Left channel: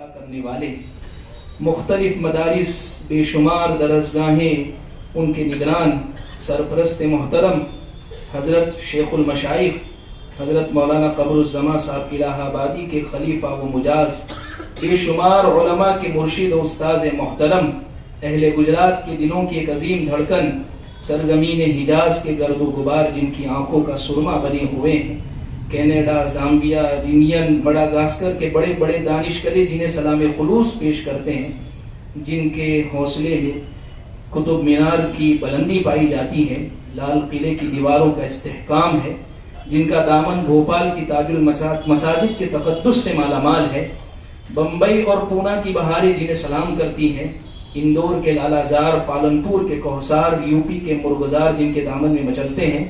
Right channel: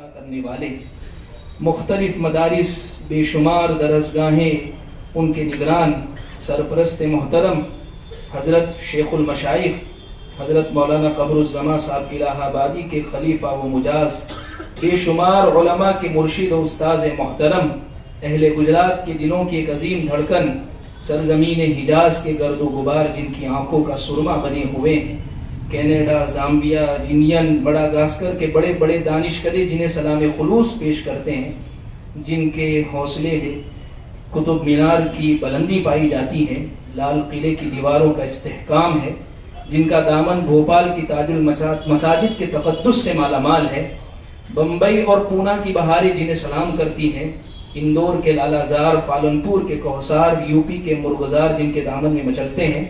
عطا کرنے والے، مختلف مدارس، بے شمار درسگاہیں، ان کے نگران سرپرست محترم حضرت شیخ المشائخ حضرت مولانا قمر الزمان صاحب الہ آبادی کے خلیفہ و مجاز، بے شمار علماء کے مرشد و استاذ محترم، اہل گجرات کے دلوں کی ایک عظیم دھڑکن، سرزمین حجاز کے گرد و غبار جن کی آنکھوں کا سرما بنے ہوئے ہیں، کینیڈا، زامبیا، رینین، مڈاگاسکر کے بڑے بڑے دانشکدے جنہیں سلام خلوص پیش کرتے ہیں، جن کے حوصلے میں قطب مینار کی بلندی پائی جاتی ہے، لال قلعے کی دیواروں کا استحکام ہے، جن کا دامن بھوپال کی تاج المساجد کے تقدس سے مالا مال ہے، بمبئی اور پونا کی بہاریں جنہیں سلام کرتی ہیں، اندور کے لالا زار، پالنپور کے کوہسار، یو پی کے مرغزار جن کے دامن میں مچلتے ہیں،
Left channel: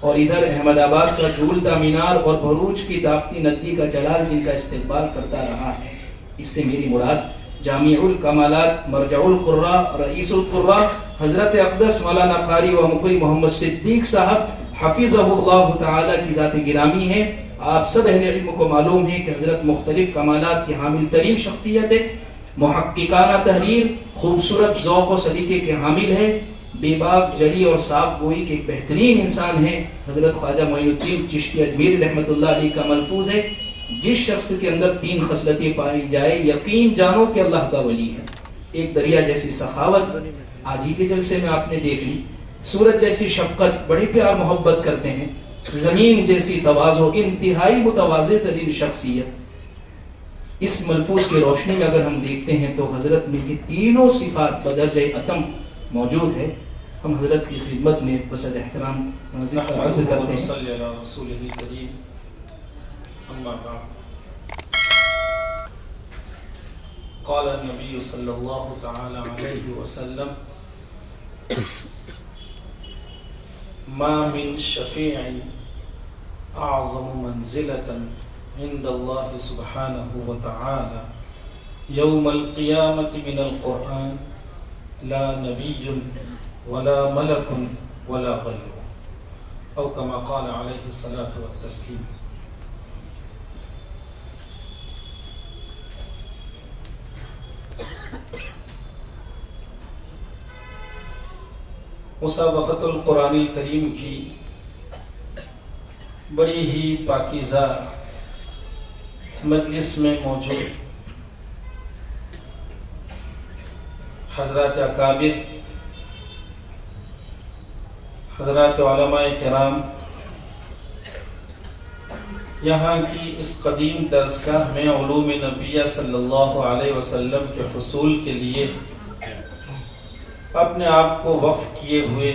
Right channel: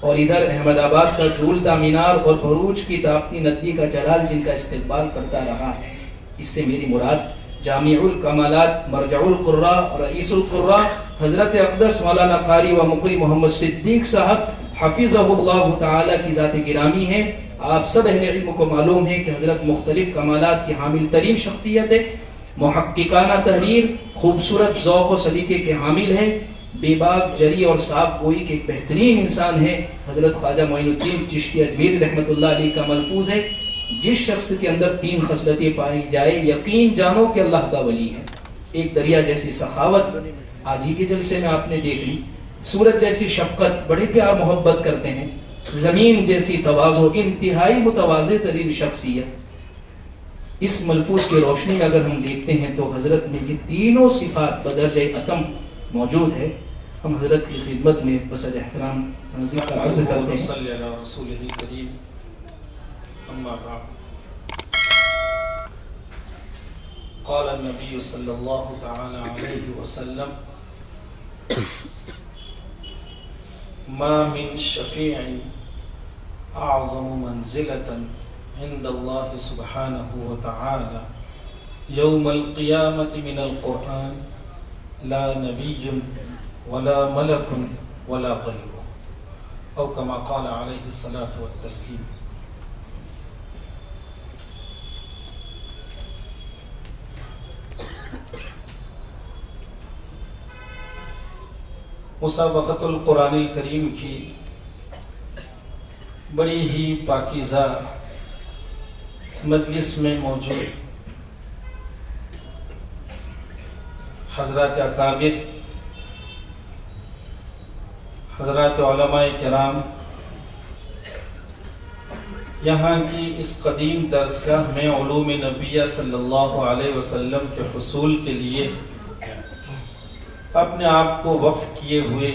اور ادھر احمد آباد کا جھولتا مینار اور بھروچ کی تاپتی ندی کا جلال جن کا استقبال کرتا رہا ہے۔ اس سے میری مراد جامع الکمالات، مرجع القراء، رئیس القراء حضرت اقدس مولانا قاری و مقری محمد صدیق صاحب حفظہ اللہ تعالی کی ذات گرامی ہے۔ آپ سب اہل علم کو معلوم ہے کہ حضرت مختلف کمالات کی حامل ترین شخصیت ہے، محققانہ تحریر، خوبصورت ذوق و سلیقے کے حامل ہے، بے باک جلی اور صاف گوئی کے ایک بہترین انسان ہے۔ حضرت خواجہ معین الدین چشتی اجمیری رحمۃ اللہ علیہ کا ملفوظ ہے، جس شخص کے اندر 3 خصلتیں پائی جائے یقین جانو کہ اللہ کا ولی ہے۔ ایک دریا جیسی سخاوت، آج ہی کے جلسے میں آپ نے دیکھ لی، سورج جیسی شفقت، بڑے پیار محبت کرتے ہیں، زمین جیسی تواضع، انتہائی متواضع ترین شخصیت۔ اس ملفوظ کی روشنی میں اگر ہم دیکھتے ہیں تو حضرت میں یہ تینوں صفات بدرجہ اتم موجود ہے۔ ہم حضرت کی خدمت میں بسد احترام نازل عرض کرتے ہیں۔ صلی اللہ رسول کریم، اما بعد، قال النبی صلی اللہ تعالی علیہ وسلم ما من شفیع اعظم منزلة عند اللہ سبحانہ وتعالی یوم القیامة من القرآن لا نبی ولا ملک ولا غیر، او کما قال علیہ الصلاۃ والتسلیم۔ مسابقۃ القرآن الکریم کی بڑی ہی پاکیزہ مجلس میں موجود حضرات اکابر، حضرات علماء کرام، یہاں کی اس قدیم درسگاہ میں علوم نبیہ صلی اللہ علیہ وسلم کے حصول کے لیے اپنے آپ کو وقف کیے ہوئے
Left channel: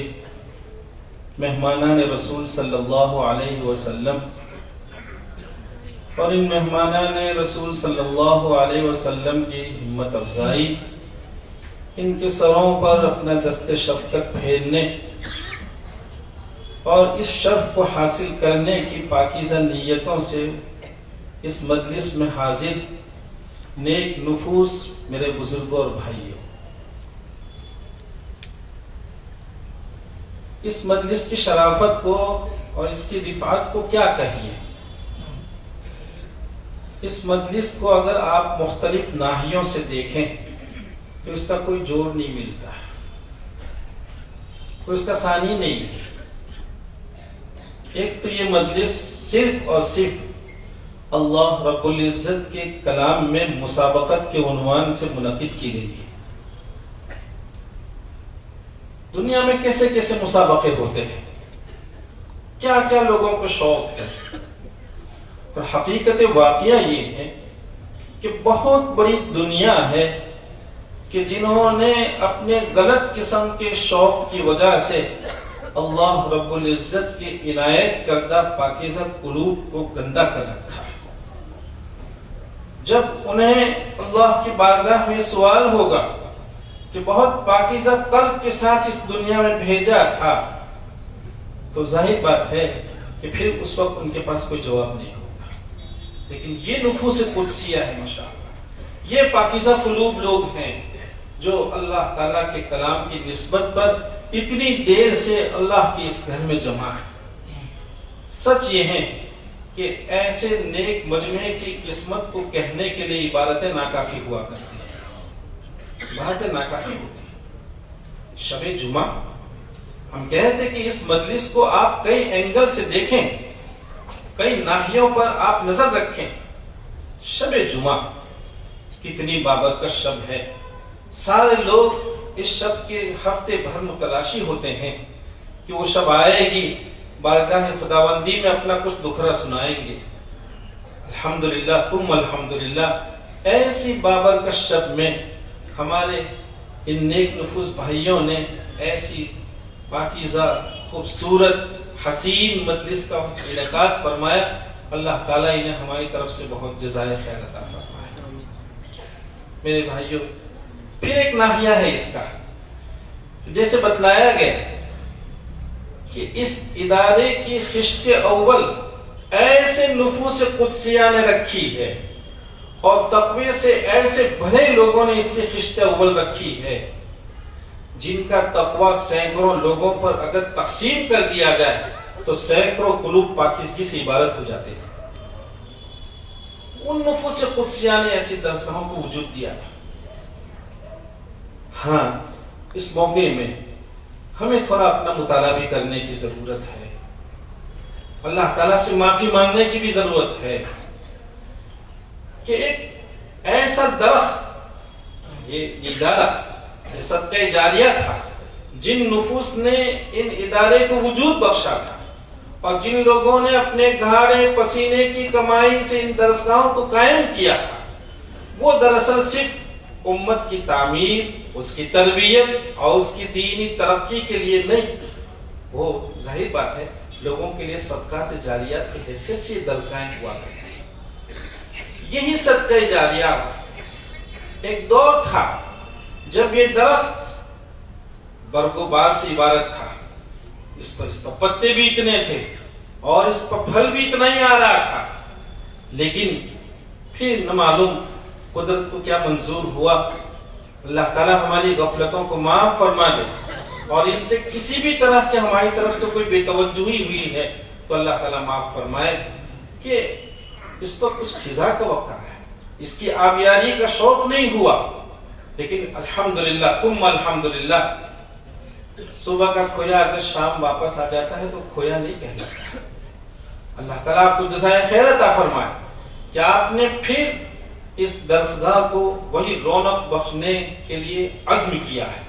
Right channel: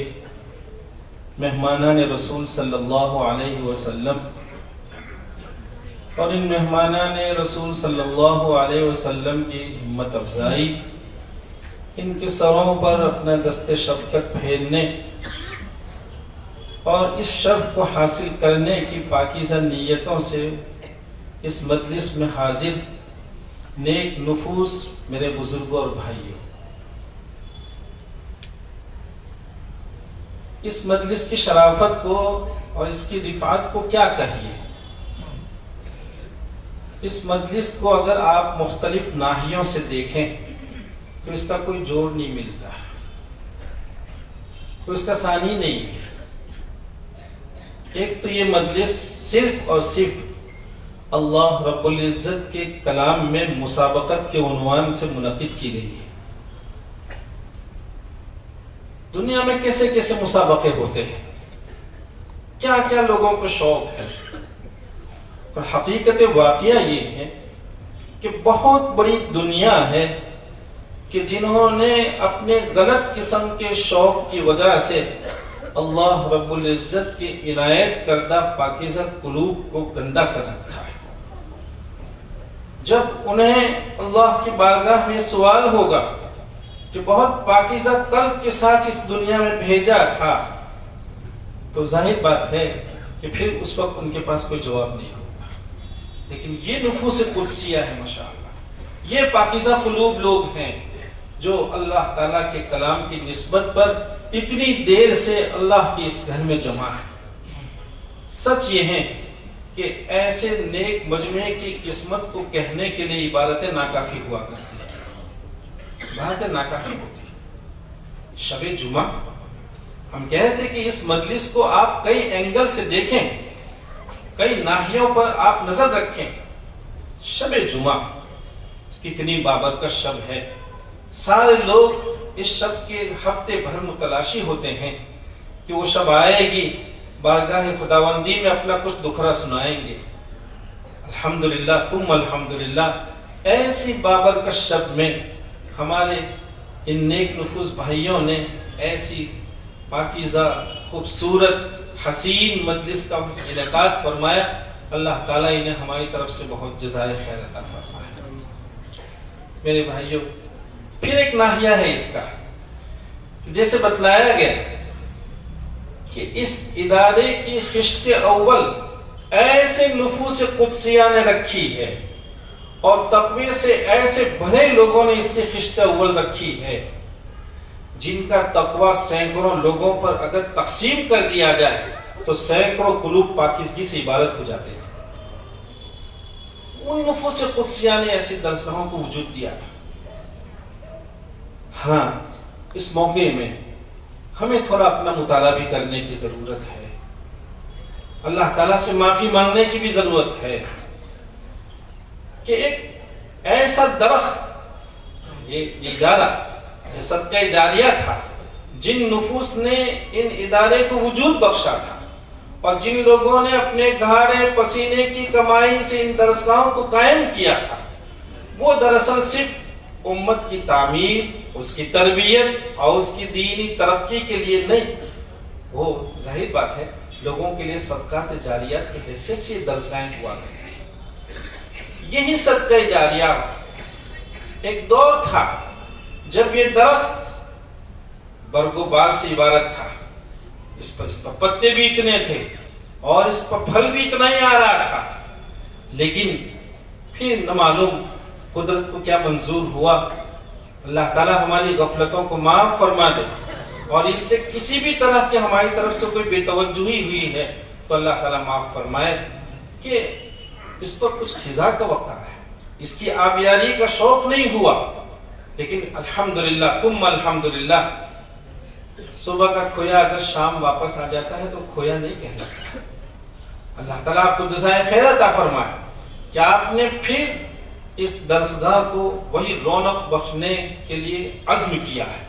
مہمانان رسول صلی اللہ علیہ وسلم اور ان مہمانان رسول صلی اللہ علیہ وسلم کی ہمت افزائی، ان کے سروں پر اپنا دست شفقت پھیرنے اور اس شرف کو حاصل کرنے کی پاکیزہ نیتوں سے اس مجلس میں حاضر نیک نفوس میرے بزرگوں اور بھائیوں، اس مجلس کی شرافت کو اور اس کی رفعت کو کیا کہیے۔ اس مجلس کو اگر آپ مختلف ناحیوں سے دیکھیں تو اس کا کوئی جوڑ نہیں ملتا، تو اس کا ثانی نہیں ہے۔ ایک تو یہ مجلس صرف اور صرف اللہ رب العزت کے کلام میں مسابقت کے عنوان سے منعقد کی گئی ہے۔ دنیا میں کیسے کیسے مسابقے ہوتے ہیں، کیا کیا لوگوں کو شوق ہے، اور حقیقت واقعہ یہ ہے کہ بہت بڑی دنیا ہے کہ جنہوں نے اپنے غلط قسم کے شوق کی وجہ سے اللہ رب العزت کی عنایت کردہ پاکیزہ قلوب کو گندا کر رکھا ہے۔ جب انہیں اللہ کی بارگاہ میں سوال ہوگا کہ بہت پاکیزہ قلب کے ساتھ اس دنیا میں بھیجا تھا، تو ظاہر بات ہے کہ پھر اس وقت ان کے پاس کوئی جواب نہیں ہوگا۔ لیکن یہ نفوس قدسیہ ہے ماشاءاللہ، یہ پاکیزہ قلوب لوگ ہیں جو اللہ تعالیٰ کے کلام کی نسبت پر اتنی دیر سے اللہ کے اس گھر میں جمع ہے۔ سچ یہ ہے کہ ایسے نیک مجمعے کی قسمت کو کہنے کے لیے عبارتیں ناکافی ہوا کرتی ہیں، عبارتیں ناکافی ہوتی ہیں۔ شب جمعہ ہم کہہ رہے تھے کہ اس مجلس کو آپ کئی اینگل سے دیکھیں، کئی ناحیوں پر آپ نظر رکھیں۔ شب جمعہ کتنی بابرکت شب ہے، سارے لوگ اس شب کے ہفتے بھر متلاشی ہوتے ہیں کہ وہ شب آئے گی، بارگاہ خداوندی میں اپنا کچھ دکھرا سنائیں گے۔ الحمدللہ ثم الحمدللہ، ایسی بابرکت شب میں ہمارے ان نیک نفوس بھائیوں نے ایسی پاکیزہ خوبصورت حسین مجلس کا انعقاد فرمایا۔ اللہ تعالیٰ انہیں ہماری طرف سے بہت جزائے خیر عطا فرمائے۔ میرے بھائیوں، پھر ایک ناحیہ ہے اس کا، جیسے بتلایا گیا کہ اس ادارے کی خشت اول ایسے نفوس قدسیہ نے رکھی ہے اور تقوی سے ایسے بھرے لوگوں نے اس کی خشت اول رکھی ہے، جن کا تقوی سینکڑوں لوگوں پر اگر تقسیم کر دیا جائے تو سینکڑوں قلوب پاکیزگی سے عبارت ہو جاتے ہیں۔ ان نفوس قدسیہ نے ایسی درسگاہوں کو وجود دیا تھا۔ ہاں، اس موقع میں ہمیں تھوڑا اپنا مطالعہ بھی کرنے کی ضرورت ہے، اللہ تعالیٰ سے معافی مانگنے کی بھی ضرورت ہے کہ ایک ایسا درخت، یہ ادارہ، یہ صدقہ جاریہ تھا، جن نفوس نے ان ادارے کو وجود بخشا تھا اور جن لوگوں نے اپنے گھاڑے پسینے کی کمائی سے ان درسگاہوں کو قائم کیا تھا، وہ دراصل صرف امت کی تعمیر، اس کی تربیت اور اس کی دینی ترقی کے لیے نہیں، وہ ظاہر بات ہے لوگوں کے لیے صدقات جاریات کی حیثیت سے درسگاہیں ہوا کرتی۔ یہی صدقہ جاریہ ایک دور تھا جب یہ درخت برگ و بار سے عبارت تھا، اس پر پتے بھی اتنے تھے اور اس پر پھل بھی اتنا ہی آ رہا تھا، لیکن پھر نہ معلوم قدرت کو کیا منظور ہوا۔ اللہ تعالیٰ ہماری غفلتوں کو معاف فرما دے، اور اس سے کسی بھی طرح کی ہماری طرف سے کوئی بے توجہی ہوئی ہے تو اللہ تعالیٰ معاف فرمائے کہ اس پر کچھ خزاں کا وقت آیا ہے، اس کی آبیاری کا شوق نہیں ہوا، لیکن الحمدللہ ثم الحمدللہ، صبح کا کھویا اگر شام واپس آ جاتا ہے تو کھویا نہیں کہلاتا۔ اللہ تعالیٰ آپ کو جزائے خیر عطا فرمائے کہ آپ نے پھر اس درسگاہ کو وہی رونق بخشنے کے لیے عزم کیا ہے۔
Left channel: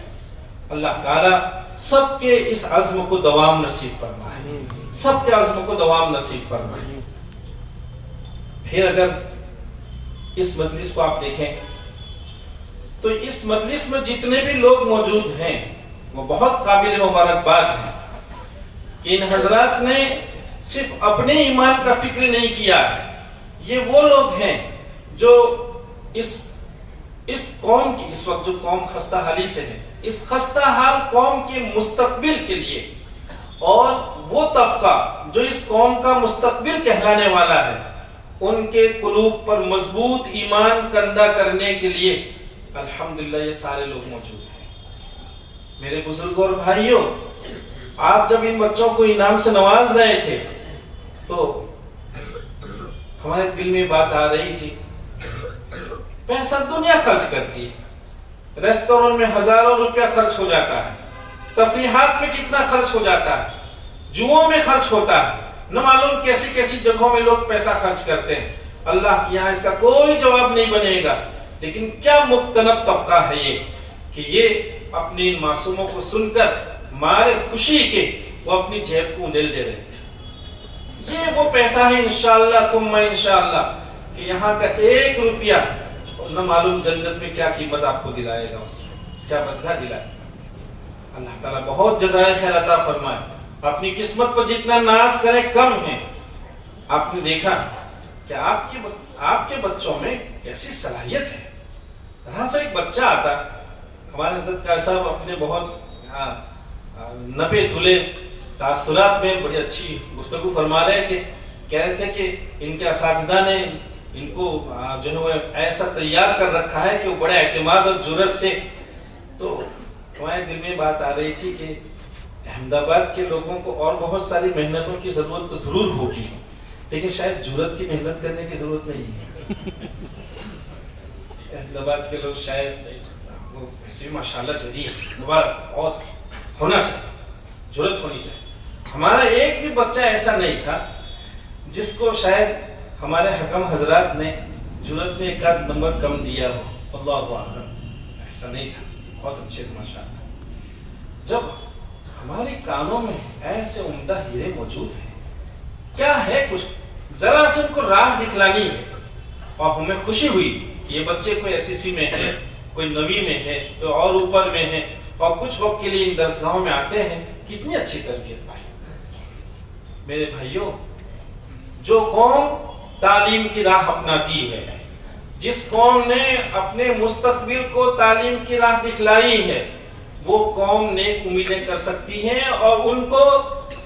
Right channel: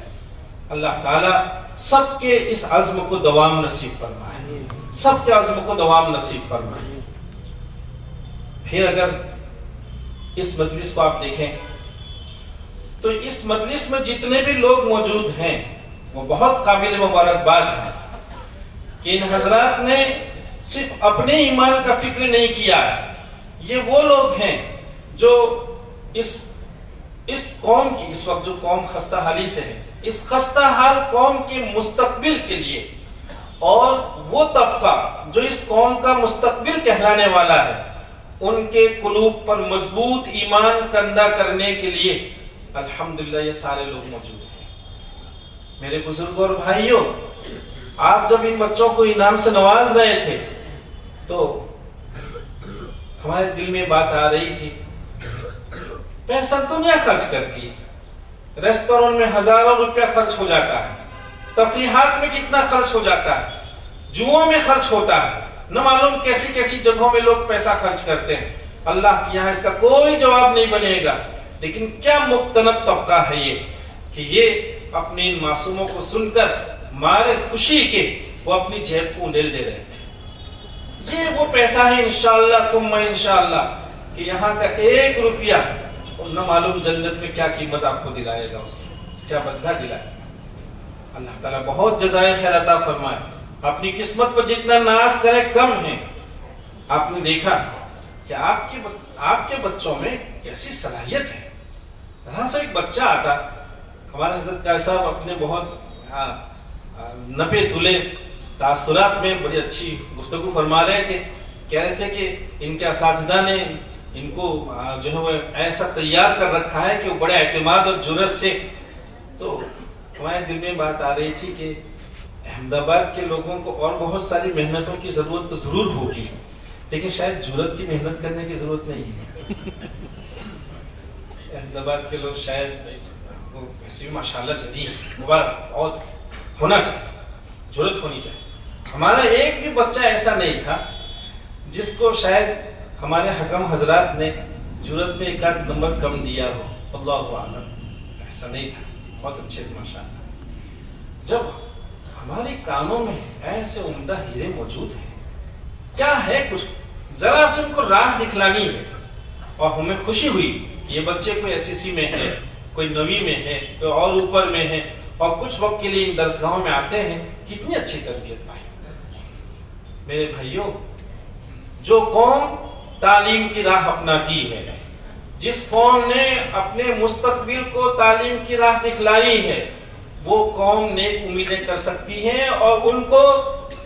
اللہ تعالیٰ سب کے اس عزم کو دوام نصیب فرمائے، سب کے عزم کو دوام نصیب فرمائے۔ پھر اگر اس مجلس کو آپ دیکھیں تو اس مجلس میں جتنے بھی لوگ موجود ہیں وہ بہت قابل مبارکباد ہیں کہ ان حضرات نے صرف اپنے ایمان کا فکر نہیں کیا ہے، یہ وہ لوگ ہیں جو اس قوم کی، اس وقت جو قوم خستہ حالی سے ہے، اس خستہ حال قوم کے مستقبل کے لیے، اور وہ طبقہ جو اس قوم کا مستقبل کہلانے والا ہے، ان کے قلوب پر مضبوط ایمان کندہ کرنے کے لیے الحمدللہ یہ سارے لوگ موجود ہیں۔ میرے بزرگوں اور بھائیوں، آپ جب ان بچوں کو انعام سے نواز رہے تھے تو ہمارے دل میں بات آ رہی تھی، پیسہ دنیا خرچ کرتی ہے، ریسٹورنٹ میں ہزاروں روپیہ خرچ ہو جاتا ہے، تفریحات میں کتنا خرچ ہو جاتا ہے، جوؤں میں خرچ ہوتا ہے، نہ معلوم کیسی کیسی جگہوں میں لوگ پیسہ خرچ کرتے ہیں۔ اللہ کے یہاں اس کا کوئی جواب نہیں بنے گا، لیکن کیا مختلف طبقہ ہے یہ کہ یہ اپنی ان معصوموں کو سن کر مارے خوشی کے وہ اپنی جیب کو اندیل دے رہے تھے۔ یہ وہ پیسہ ہے انشاءاللہ ثم انشاءاللہ کہ یہاں کا ایک روپیہ نہ معلوم جنت میں کیا قیمت آپ کو دلائے گا، اس نے کیا بدلہ دلائے۔ اللہ تعالیٰ بہت جزائے خیر عطا فرمائے۔ اپنی قسمت پر جتنا ناز کرے کم ہے۔ آپ نے دیکھا کہ آپ کے بچوں میں کیسی صلاحیت ہے۔ یہاں سے ایک بچہ آتا، ہمارے حضرت قاری صاحب اپنے بہت نپے تلے تاثرات میں بڑی اچھی گفتگو فرما رہے تھے، کہہ رہے تھے کہ ان کے اساتذہ نے ان کو جو ہے وہ ایسا تیار کر رکھا ہے کہ وہ بڑے اعتماد اور جرأت سے، تو ہمارے دل میں بات آ رہی تھی کہ احمد آباد کے لوگوں کو اور بہت ساری محنتوں کی ضرورت تو ضرور ہوگی، دیکھیں شاید جرأت کی محنت کرنے کی ضرورت نہیں ہے. احمدآباد کے لوگ شاید وہ ایسے بھی ماشاءاللہ جدید مبارک بہت ہونا چاہیے, جرأت ہونی چاہیے. ہمارا ایک بھی بچہ ایسا نہیں تھا جس کو شاید ہمارے حکم حضرات نے جرأت میں ایک آدھ نمبر کم دیا ہو, اللہ اعلم, ایسا نہیں تھا. بہت اچھے ماشاءاللہ. جب ہمارے کانوں میں ایسے عمدہ ہیرے موجود ہیں, کیا ہے کچھ ذرا سے ان کو راہ دکھلانی ہے, اور ہمیں خوشی ہوئی کہ یہ بچے کوئی SSC میں ہے, کوئی 9ویں میں ہے, کوئی اور اوپر میں ہے, اور کچھ وقت کے لیے ان درسگاہوں میں آتے ہیں. کتنی اچھی تربیت پائی. میرے بھائیوں, جو قوم تعلیم کی راہ اپناتی ہے, جس قوم نے اپنے مستقبل کو تعلیم کی راہ دکھلائی ہے, وہ قوم نیک امیدیں کر سکتی ہیں اور ان کو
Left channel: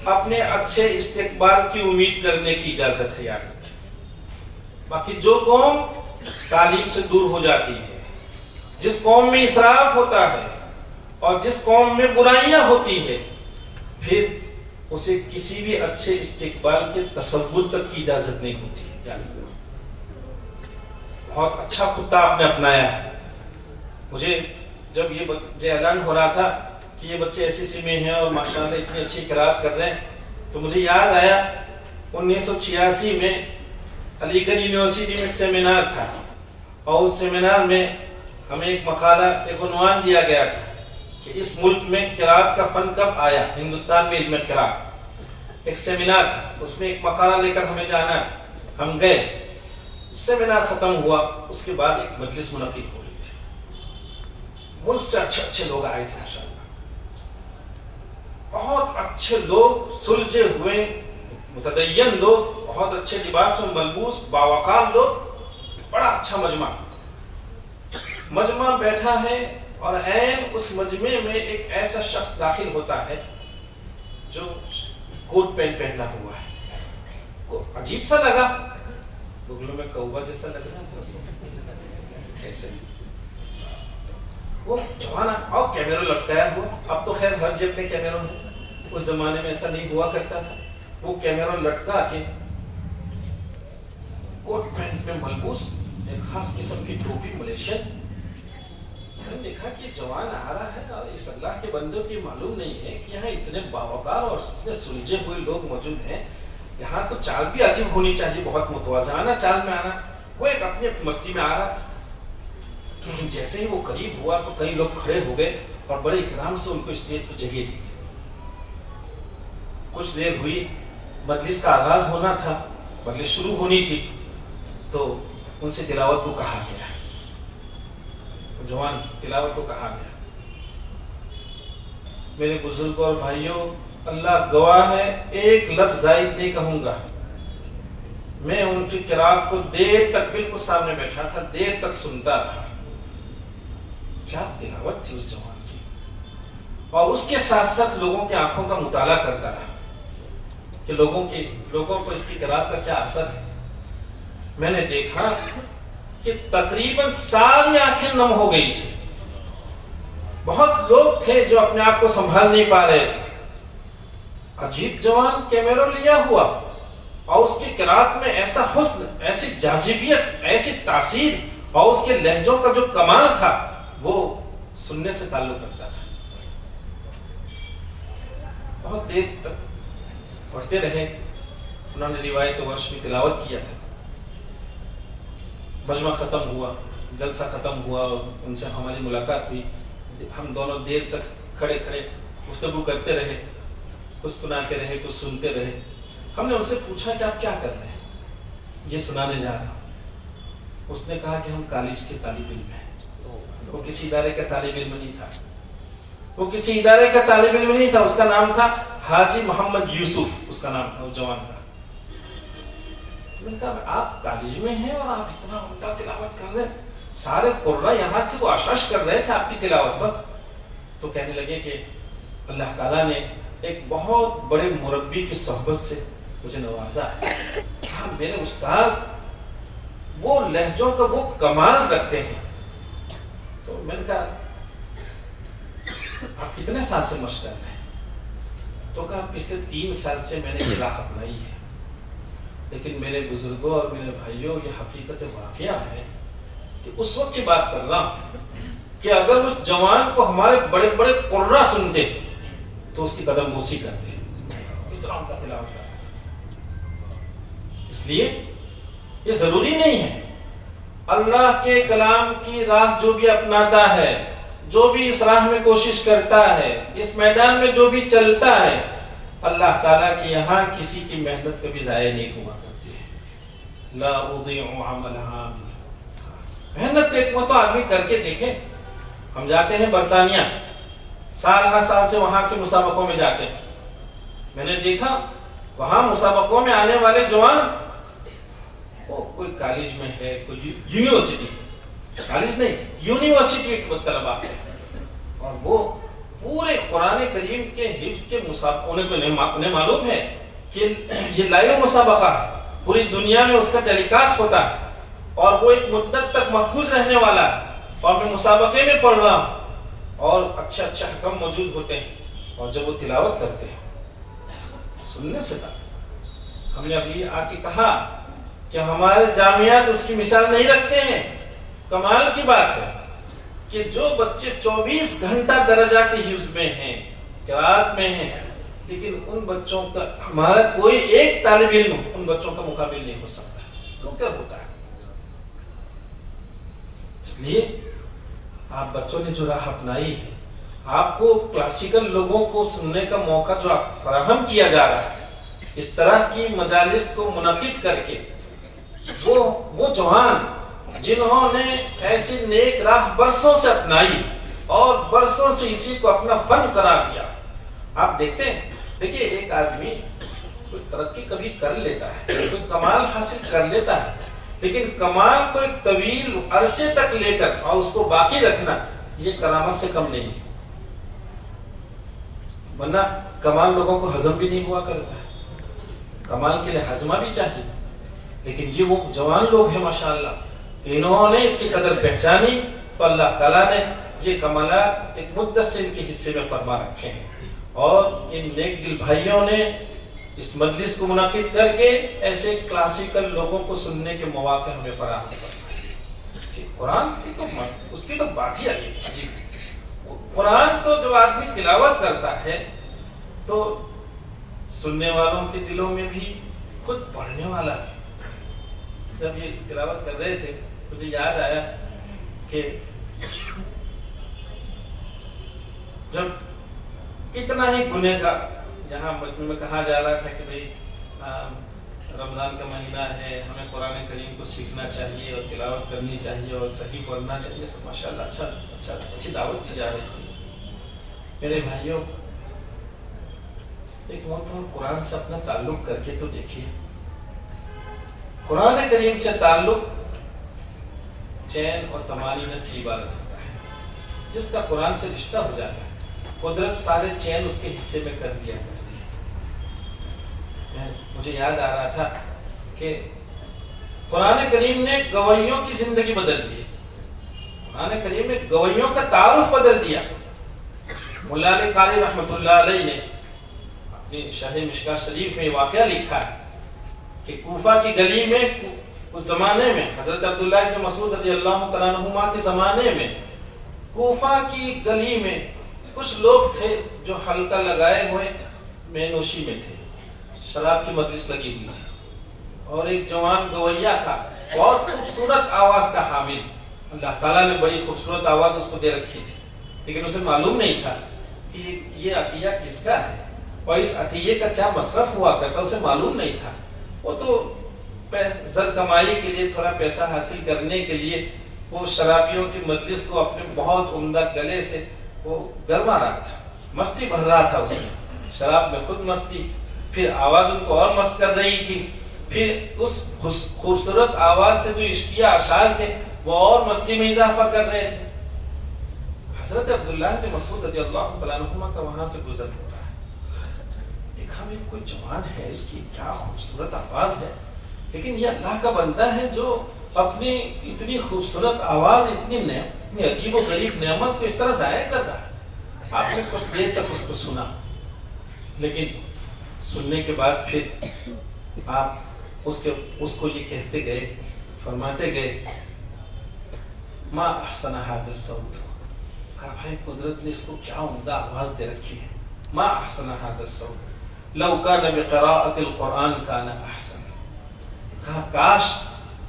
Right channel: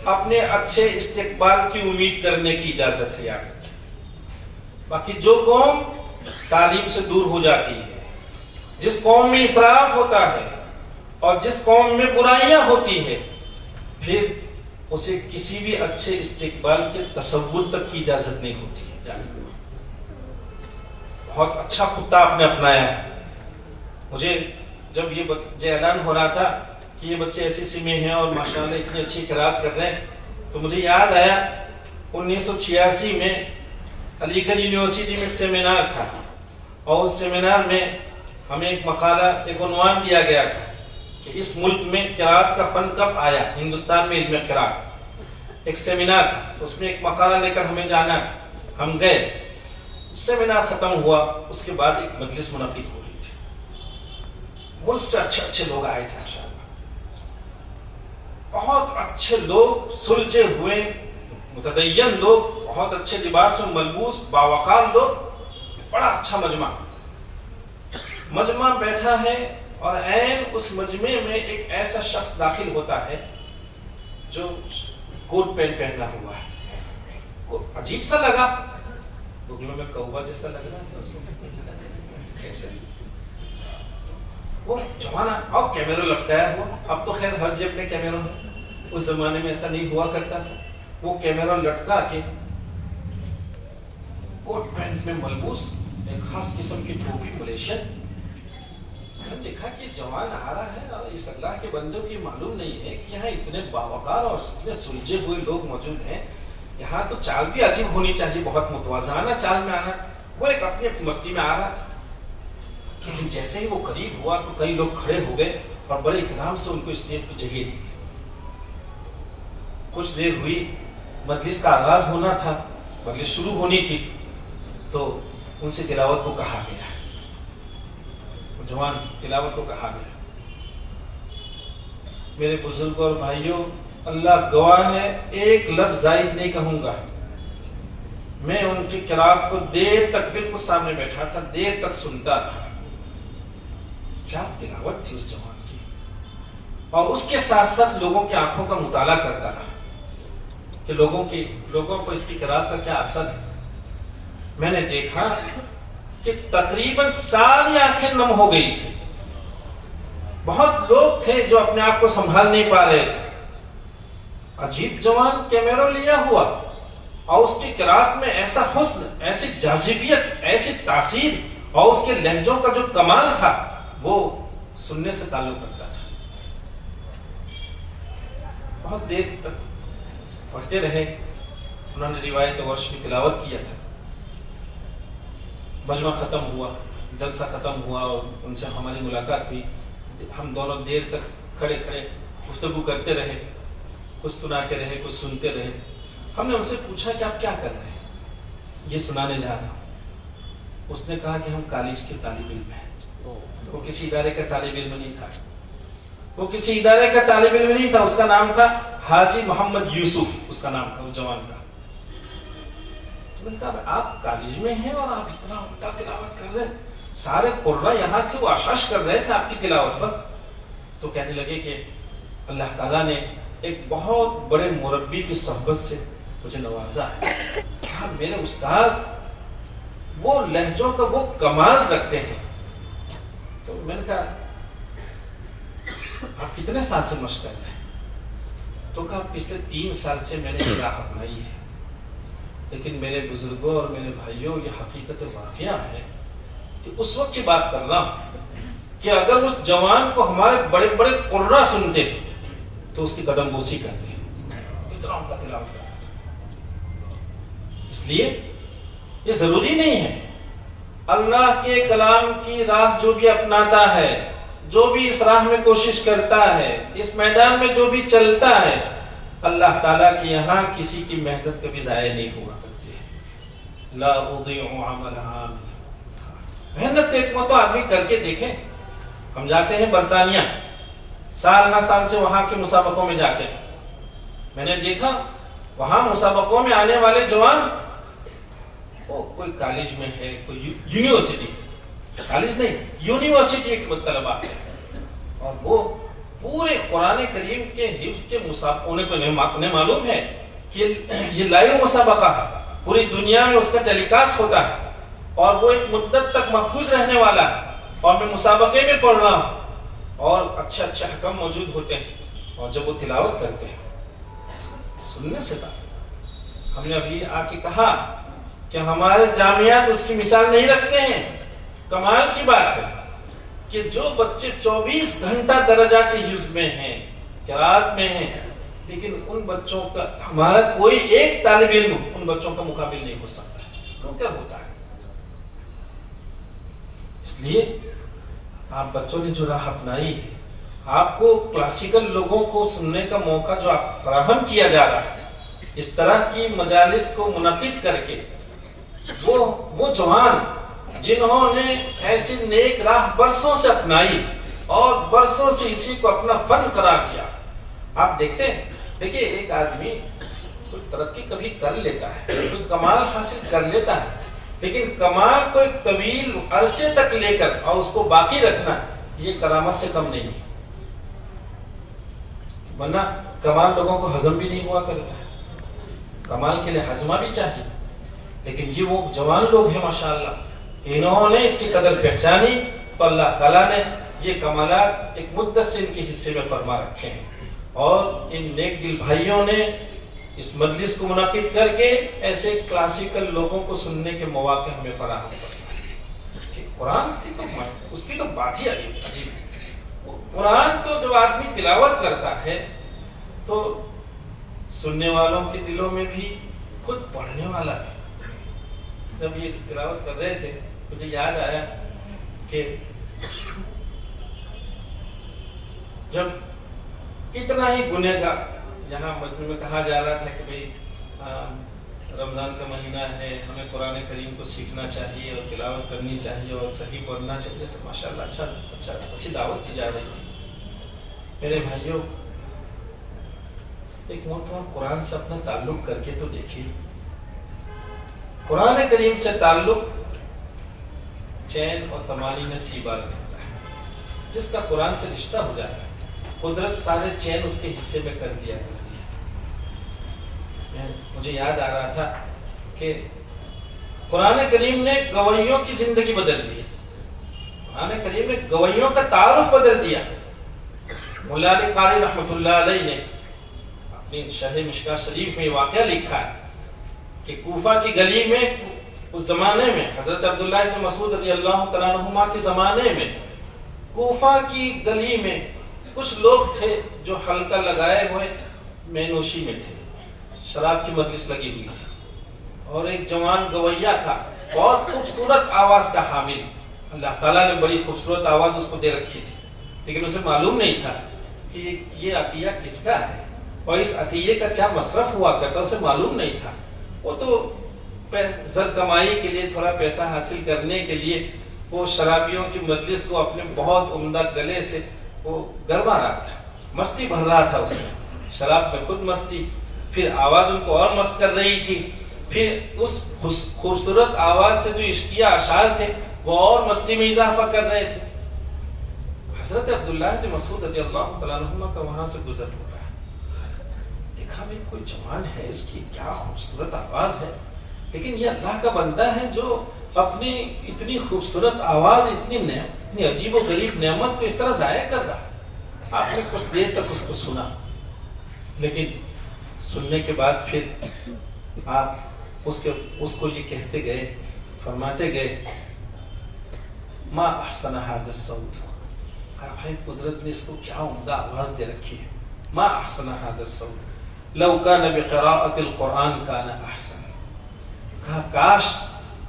اپنے اچھے استقبال کی امید کرنے کی اجازت ہے. باقی جو قوم تعلیم سے دور ہو جاتی ہے, جس قوم میں اسراف ہوتا ہے اور جس قوم میں برائیاں ہوتی ہے, پھر اسے کسی بھی اچھے استقبال کے تصور تک کی اجازت نہیں ہوتی. بہت اچھا خطہ آپ نے اپنایا ہے. مجھے جب یہ اعلان ہو رہا تھا کہ یہ بچے SSC میں ہیں اور ماشاءاللہ اتنی اچھی قرات کر رہے ہیں, تو مجھے یاد آیا 1986 میں علی گڑھ یونیورسٹی میں ایک سیمینار تھا, اور اس سیمینار میں ہمیں ایک مقالہ, ایک عنوان دیا گیا تھا کہ اس ملک میں قرات کا فن کب آیا, ہندوستان میں علم قرات. ایک سیمینار تھا, اس میں ایک مقالہ لے کر ہمیں جانا تھا. ہم گئے, سیمینار ختم ہوا, اس کے بعد ایک مجلس منعقد ہو رہی تھی. ملک سے اچھے لوگ آئے تھے ماشاءاللہ, بہت اچھے لوگ, سلجھے ہوئے متدین لوگ, بہت اچھے لباس میں ملبوس باوقار لوگ. بڑا اچھا مجمع بیٹھا ہے, اور عین اس مجمع میں ایک ایسا شخص داخل ہوتا ہے جو کوٹ پینٹ پہنا ہوا ہے. عجیب سا لگا, بغلوں میں کوبا جیسا لگ رہا ہے. وہ جوان اور کیمرہ لٹکایا ہوا. اب تو خیر ہر جیب میں کیمرہ ہے, اس زمانے میں ایسا نہیں ہوا کرتا تھا. وہ کیمرہ لٹکا کے کوٹ پینٹ میں ملبوس, ایک خاص قسم کی ٹوپی ملیشین. میں نے دیکھا کہ جوان آ رہا ہے, اور اس اللہ کے بندوں کی معلوم نہیں ہے کہ یہاں اتنے باوقار اور اتنے سلجھے ہوئے لوگ موجود ہیں. یہاں تو چال بھی عجیب ہونی چاہیے, بہت متوازنہ چال میں آنا. وہ ایک اپنی مستی میں آ رہا تھا, لیکن جیسے ہی وہ قریب ہوا تو کئی لوگ کھڑے ہو گئے اور بڑے اکرام سے ان کو اسٹیج پہ جگہ دی. کچھ دیر ہوئی, مجلس کا آغاز ہونا تھا, مجلس شروع ہونی تھی, تو ان سے تلاوت کو کہا گیا. جوان تلاوت کو کہا گیا. میرے بزرگوں اور بھائیوں, اللہ گواہ ہے, ایک لفظ زائد نہیں کہوں گا. میں ان کی قرات کو دیر تک بالکل سامنے بیٹھا تھا, دیر تک سنتا رہا. کیا تلاوت تھی اس جوان کی, اور اس کے ساتھ ساتھ لوگوں کی آنکھوں کا مطالعہ کرتا رہا کہ لوگوں کو اس کی قرات کا کیا اثر ہے. میں نے دیکھا کہ تقریباً ساری آنکھیں نم ہو گئی تھی. بہت لوگ تھے جو اپنے آپ کو سنبھال نہیں پا رہے تھے. عجیب جوان, کیمرہ لیا ہوا, اور اس کی قرات میں ایسا حسن, ایسی جاذبیت, ایسی تاثیر, اور اس کے لہجوں کا جو کمال تھا وہ سننے سے تعلق رکھتا تھا. بہت دیر تک پڑھتے رہے. انہوں نے روایت ورش میں تلاوت کیا تھا. مجمع ختم ہوا, جلسہ ختم ہوا, اور ان سے ہماری ملاقات ہوئی. ہم دونوں دیر تک کھڑے گفتگو کرتے رہے, کچھ سناتے رہے, کچھ سنتے رہے. ہم نے ان سے پوچھا کہ آپ کیا کر رہے ہیں. یہ سنانے جا رہا ہوں. اس نے کہا کہ ہم کالج کے طالب علم ہیں. وہ کسی ادارے کا طالب علم نہیں تھا, وہ کسی ادارے کا طالب علم نہیں تھا. اس کا نام تھا حاجی محمد یوسف, اس کا نام تھا, وہ جوان کا. میں نے کہا آپ کالج میں ہیں اور آپ اتنا عمدہ تلاوت کر رہے ہیں, سارے قرہ یہاں تھے, وہ آشاش کر رہے تھے آپ کی تلاوت پر. تو کہنے لگے کہ اللہ تعالیٰ نے ایک بہت بڑے مربی کی صحبت سے مجھے نوازا ہے. کہا میرے استاذ وہ لہجوں کا وہ کمال رکھتے ہیں. تو میں نے کہا آپ کتنے سال سے مشق کر رہے ہیں. تو کہا پچھلے 3 سال سے میں نے یہ راہ اپنائی ہے. لیکن میرے بزرگوں اور میرے بھائیوں یہ حقیقت واقعہ ہے کہ اس وقت کی بات کر رہا ہوں کہ اگر اس جوان کو ہمارے بڑے بڑے قرا سنتے تو اس کی قدم بوسی کرتے، اتنا ان کا تلاوت کرنا۔ اس لیے یہ ضروری نہیں ہے، اللہ کے کلام کی راہ جو بھی اپناتا ہے، جو بھی اس راہ میں کوشش کرتا ہے، اس میدان میں جو بھی چلتا ہے، اللہ تعالیٰ کے یہاں کسی کی محنت کبھی ضائع نہیں ہوا کرتی ہے۔ لا اضيع عمل عامل، محنت ایک وہ تو آدمی کر کے دیکھے۔ ہم جاتے ہیں برطانیہ، سال ہر سال سے وہاں کے مسابقوں میں جاتے ہیں، میں نے دیکھا وہاں مسابقوں میں آنے والے جوان، وہ کوئی کالج میں ہے، کوئی یونیورسٹی، کالج نہیں یونیورسٹی کے طلبا، اور وہ پورے قرآن کریم کے حفظ کے مسابقوں، انہیں معلوم ہے کہ یہ لائیو مسابقہ ہے، پوری دنیا میں اس کا ٹیلی کاسٹ ہوتا ہے اور وہ ایک مدت تک محفوظ رہنے والا ہے، اور میں مسابقے میں پڑھ رہا ہوں اور اچھے اچھے حکم موجود ہوتے ہیں، اور جب وہ تلاوت کرتے ہیں سننے سے بات، ہم نے ابھی آ کے کہا کہ ہمارے جامعات اس کی مثال نہیں رکھتے ہیں۔ کمال کی بات ہے کہ جو بچے 24 گھنٹہ درجاتی حفظ میں ہیں، قرات میں ہیں، لیکن ان بچوں کا ہمارا کوئی ایک طالب علم ان بچوں کا مقابل نہیں ہو سکتا، تو کیا ہوتا ہے؟ اس لیے آپ بچوں نے جو راہ اپنائی ہے، آپ کو کلاسیکل لوگوں کو سننے کا موقع جو آپ فراہم کیا جا رہا ہے، اس طرح کی مجالس کو منعقد کر کے وہ جوان جنہوں نے ایسی نیک راہ برسوں سے اپنائی اور برسوں سے اسی کو اپنا فن قرار دیا، آپ دیکھتے ہیں، دیکھیے ایک آدمی کوئی ترقی کبھی کر لیتا ہے، کوئی کمال حاصل کر لیتا ہے، لیکن کمال کو ایک طویل عرصے تک لے کر اور اس کو باقی رکھنا یہ کرامت سے کم نہیں، ورنہ کمال لوگوں کو ہضم بھی نہیں ہوا کرتا ہے، کمال کے لیے ہضمہ بھی چاہیے، لیکن یہ وہ جوان لوگ ہیں ماشاءاللہ کہ انہوں نے اس کی قدر پہچانی، تو اللہ تعالیٰ نے یہ کمالات ایک مدت سے ان کے حصے میں فرما رکھے ہیں، اور ان نیک دل بھائیوں نے اس مجلس کو منعقد کر کے ایسے کلاسیکل لوگوں کو سننے کے مواقع ہمیں فراہم کرنا ہے۔ قرآن کی تو اس کی تو بات ہی عجیب، قرآن تو جو آدمی تلاوت کرتا ہے تو سننے والوں کے دلوں میں بھی، خود پڑھنے والا ہے۔ جب یہ تلاوت کر رہے تھے مجھے یاد آیا کہ جب کتنا ہی گناہ کا جہاں مجموع میں کہا جا رہا تھا کہ بھئی رمضان کا مہینہ ہے، ہمیں قرآن کریم کو سیکھنا چاہیے اور تلاوت کرنی چاہیے اور صحیح پڑھنا چاہیے، سب ماشاءاللہ اچھی دعوت کی جا رہی تھی۔ میرے بھائیوں، ایک مرتبہ قرآن سے اپنا تعلق کر کے تو دیکھیے، قرآن کریم سے تعلق چین اور تمانی میں سی بار ہوتا ہے۔ جس کا قرآن سے رشتہ ہو جاتا ہے، قدرت سارے چین اس کے حصے میں کر دیا کرتی ہے۔ مجھے یاد آ رہا تھا کہ قرآن کریم نے گویوں کی زندگی بدل دی، قرآن کریم نے گویوں کا تعارف بدل دیا۔ مولا علی قاری رحمۃ اللہ علیہ نے اپنی شرح مشکاۃ شریف میں واقعہ لکھا ہے کہ کوفہ کی گلی میں اس زمانے میں حضرت عبداللہ بن مسعود رضی اللہ تعالیٰ عنہما کے زمانے میں کوفہ کی گلی میں کچھ لوگ تھے جو حلقہ لگائے ہوئے مینوشی میں تھے، شراب کی مجلس لگی ہوئی تھی، اور ایک جوان گویا تھا، بہت خوبصورت آواز کا حامل، اللہ تعالیٰ نے بڑی خوبصورت آواز اس کو دے رکھی تھی، لیکن اسے معلوم نہیں تھا کہ یہ عطیہ کس کا ہے اور اس عطیے کا کیا مصرف ہوا کرتا، اسے معلوم نہیں تھا۔ وہ تو زر کمائی کے لیے، تھوڑا پیسہ حاصل کرنے کے لیے وہ شرابیوں کی مجلس کو اپنے بہت عمدہ گلے سے وہ گرما رہا تھا، مستی بھر رہا تھا، اس میں شراب میں خود مستی، پھر آواز ان کو اور مست کر رہی تھی، پھر اس خوبصورت آواز سے جو عشقیہ اشعار تھے وہ اور مستی میں اضافہ کر رہے تھے۔ حضرت عبداللہ بن مسعود رضی اللہ تعالیٰ عنہما کا وہاں سے گزر ہوتا ہے، دیکھا میں کوئی جوان ہے، اس کی کیا خوبصورت آواز ہے، لیکن یہ اللہ کا بندہ ہے جو اپنی اتنی خوبصورت آواز، اتنی عجیب و غریب نعمت کو اس طرح ضائع کر رہا ہے۔ آپ نے کچھ دیر تک اس کو سنا، لیکن سننے کے بعد پھر آپ اس کو یہ کہتے گئے، فرماتے گئے ما احسن هذا الصوت، کہا بھائی قدرت نے اس کو کیا عمدہ آواز دے رکھی ہے، ما احسن هذا الصوت لو كان بقراءة القرآن كان احسن، کہا کاش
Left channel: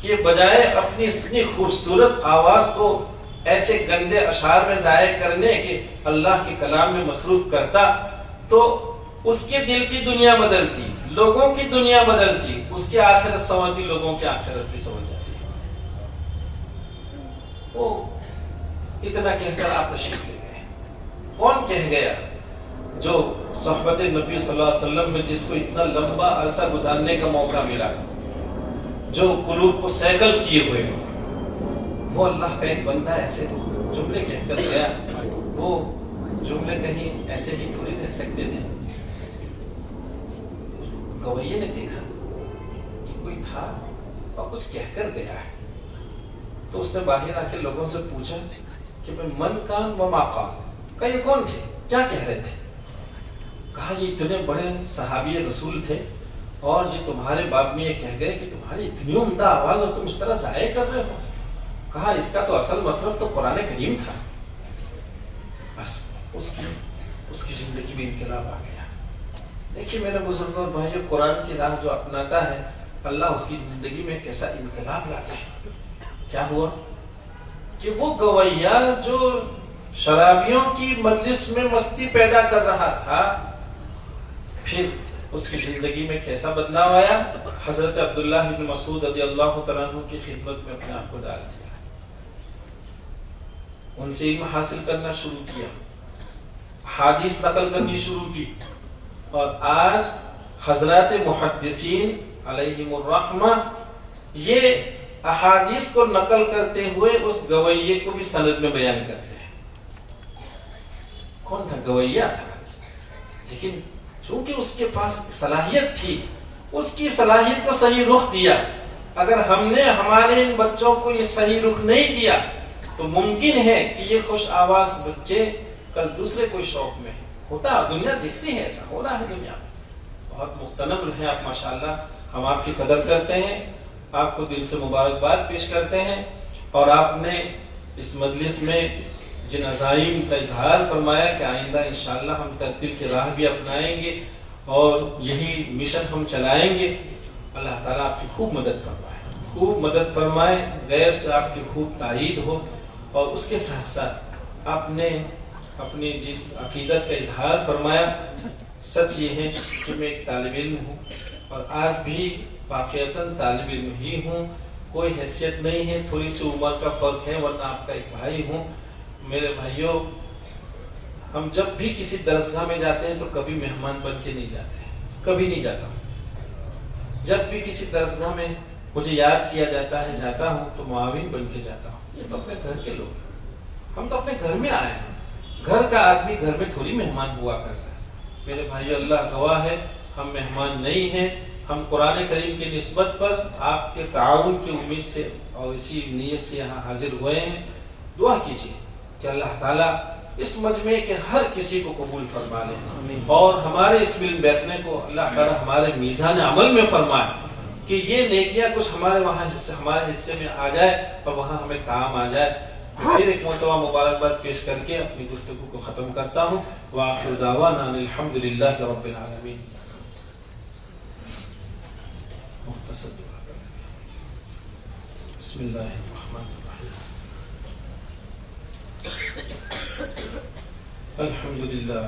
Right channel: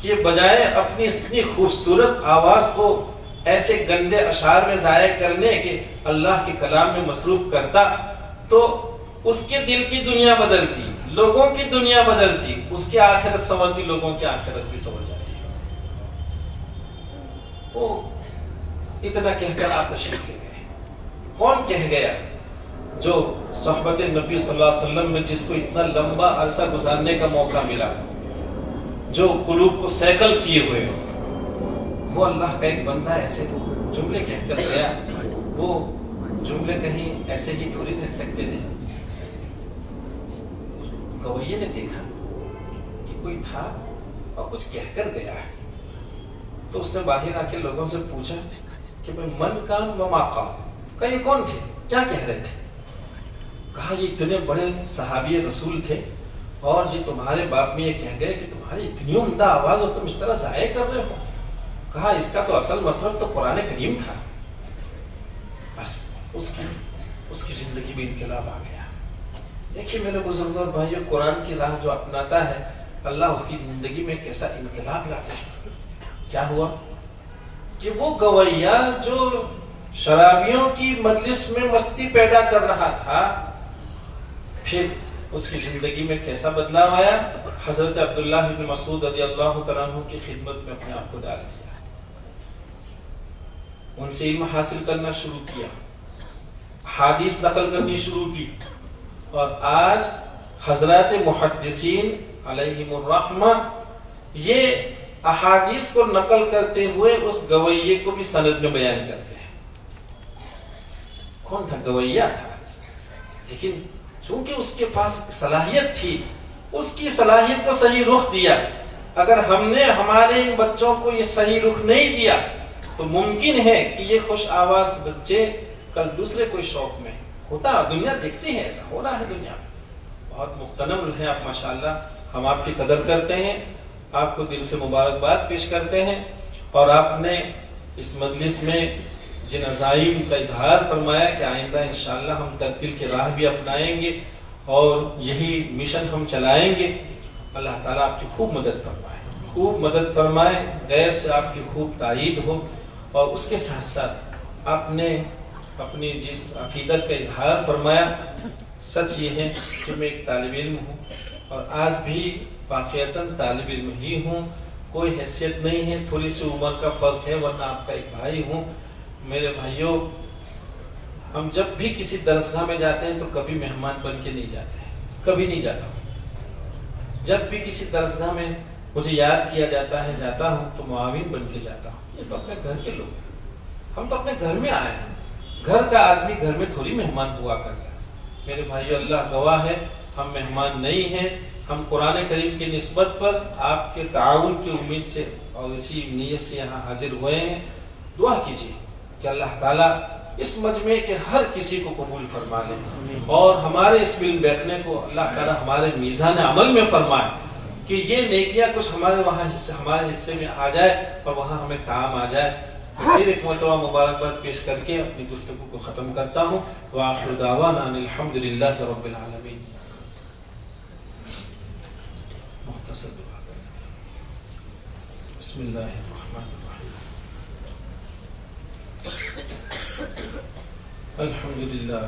کہ بجائے اپنی اتنی خوبصورت آواز کو ایسے گندے اشعار میں ضائع کرنے کے اللہ کے کلام میں مصروف کرتا تو اس کے دل کی دنیا بدلتی، لوگوں کی دنیا بدلتی، اس کی آخرت سنورتی، لوگوں کی آخرت بھی سنور جاتی۔ وہ اتنا کہہ کر آپ تشریف لے گئے۔ کون کہہ گیا؟ جو صحبت نبی صلی اللہ علیہ وسلم میں جس کو اتنا لمبا عرصہ گزارنے کا موقع ملا، جو قلوب کو سیکل کیے ہوئے، وہ اللہ کا ایک بندہ ایسے جملے کہہ کر گیا۔ وہ جملے کہیں ایسے ہی تھوڑی رہ سکتے تھے۔ گویے نے دیکھا کہ کوئی تھا اور کچھ کہہ کر گیا ہے، تو اس نے باہر آ کے لوگوں سے پوچھا کہ من کان و ما قال، کہ یہ کون تھے، کیا کہہ رہے تھے؟ کہا یہ اتنے بڑے صحابی رسول تھے اور یہ تمہارے باب میں یہ کہہ گئے کہ تمہاری اتنی عمدہ آواز اور تم اس طرح ضائع کر رہے ہو۔ کہا اس کا تو اصل مصرف تو قرآن کریم تھا۔ بس اس کی زندگی میں انقلاب آ گیا۔ دیکھیے میرے بزرگوں اور بھائیوں، قرآن کی راہ جو اپناتا ہے اللہ اس کی زندگی میں کیسا انقلاب لاتا ہے۔ کیا ہوا کہ وہ گویا جو شرابیوں کی مجلس میں مستی پیدا کر رہا تھا، پھر اس کی زندگی میں کیسا بدلاؤ آیا۔ حضرت عبداللہ بن مسعود رضی اللہ تعالیٰ عنہ کی خدمت میں اپنے آپ کو ڈال دیا، ان سے علم حاصل کرنا شروع کیا، حدیث نقل کرنی شروع کی، اور آج حضرات محدثین علیہم الرحمہ یہ احادیث کو نقل کرتے ہوئے اس گویے کو بھی سند میں بیان کرتے ہیں۔ کون تھا؟ گویا تھا، لیکن چونکہ اس کے پاس صلاحیت تھی، اس کی صلاحیت کو صحیح رخ دیا۔ اگر ہم نے ہمارے ان بچوں کو یہ صحیح رخ نہیں دیا تو ممکن ہے کہ یہ خوش آواز بچے کل دوسرے کوئی شوق میں ہوتا، دنیا دیکھتی ہے، ایسا ہو رہا ہے دنیا میں۔ بہت مختنم ہیں آپ ماشاءاللہ، ہم آپ کی قدر کرتے ہیں، آپ کو دل سے مبارکباد پیش کرتے ہیں، اور آپ نے اس مجلس میں جن عزائم کا اظہار فرمایا کہ آئندہ انشاءاللہ ہم ترتیل کی راہ بھی اپنائیں گے اور یہی مشن ہم چلائیں گے۔ اللہ تعالیٰ آپ کی خوب مدد فرمائے، خوب مدد فرمائے، غیر سے آپ کی خوب تائید ہو، اور اس کے ساتھ ساتھ آپ نے اپنی جس عقیدت کا اظہار فرمایا، سچ یہ ہے کہ میں ایک طالب علم ہوں اور آج بھی واقعتاً طالب علم ہی ہوں، کوئی حیثیت نہیں ہے، تھوڑی سی عمر کا فرق ہے، ورنہ آپ کا ایک بھائی ہوں۔ میرے بھائیوں، ہم جب بھی کسی درسگاہ میں جاتے ہیں تو کبھی مہمان بن کے نہیں جاتے ہیں، کبھی نہیں جاتا ہوں۔ جب بھی کسی درسگاہ میں مجھے یاد کیا جاتا ہے جاتا ہوں تو معاون بن کے جاتا ہوں۔ یہ تو اپنے گھر کے لوگ، ہم تو اپنے گھر میں آئے ہیں، گھر کا آدمی گھر میں تھوڑی مہمان ہوا کرتا ہے۔ میرے بھائیو، اللہ گواہ ہے، ہم مہمان نہیں ہیں، ہم قرآن کریم کی نسبت پر آپ کے تعاون کی امید سے اور اسی نیت سے یہاں حاضر ہوئے ہیں۔ دعا کیجیے کہ اللہ تعالیٰ اس مجمع کے ہر کسی کو قبول فرما لے، اور ہمارے اس مل بیٹھنے کو اللہ تعالیٰ ہمارے میزان عمل میں فرمائے کہ یہ نیکیاں کچھ ہمارے حصے میں آ جائے اور وہاں ہمیں کام آ جائے۔ پھر ایک مرتبہ مبارکباد پیش کر کے اپنی گفتگو کو ختم کرتا ہوں۔ وآخر دعوانا ان الحمد للہ رب العالمین۔ مختصر بسم اللہ الرحمن الرحیم۔ الحمد للہ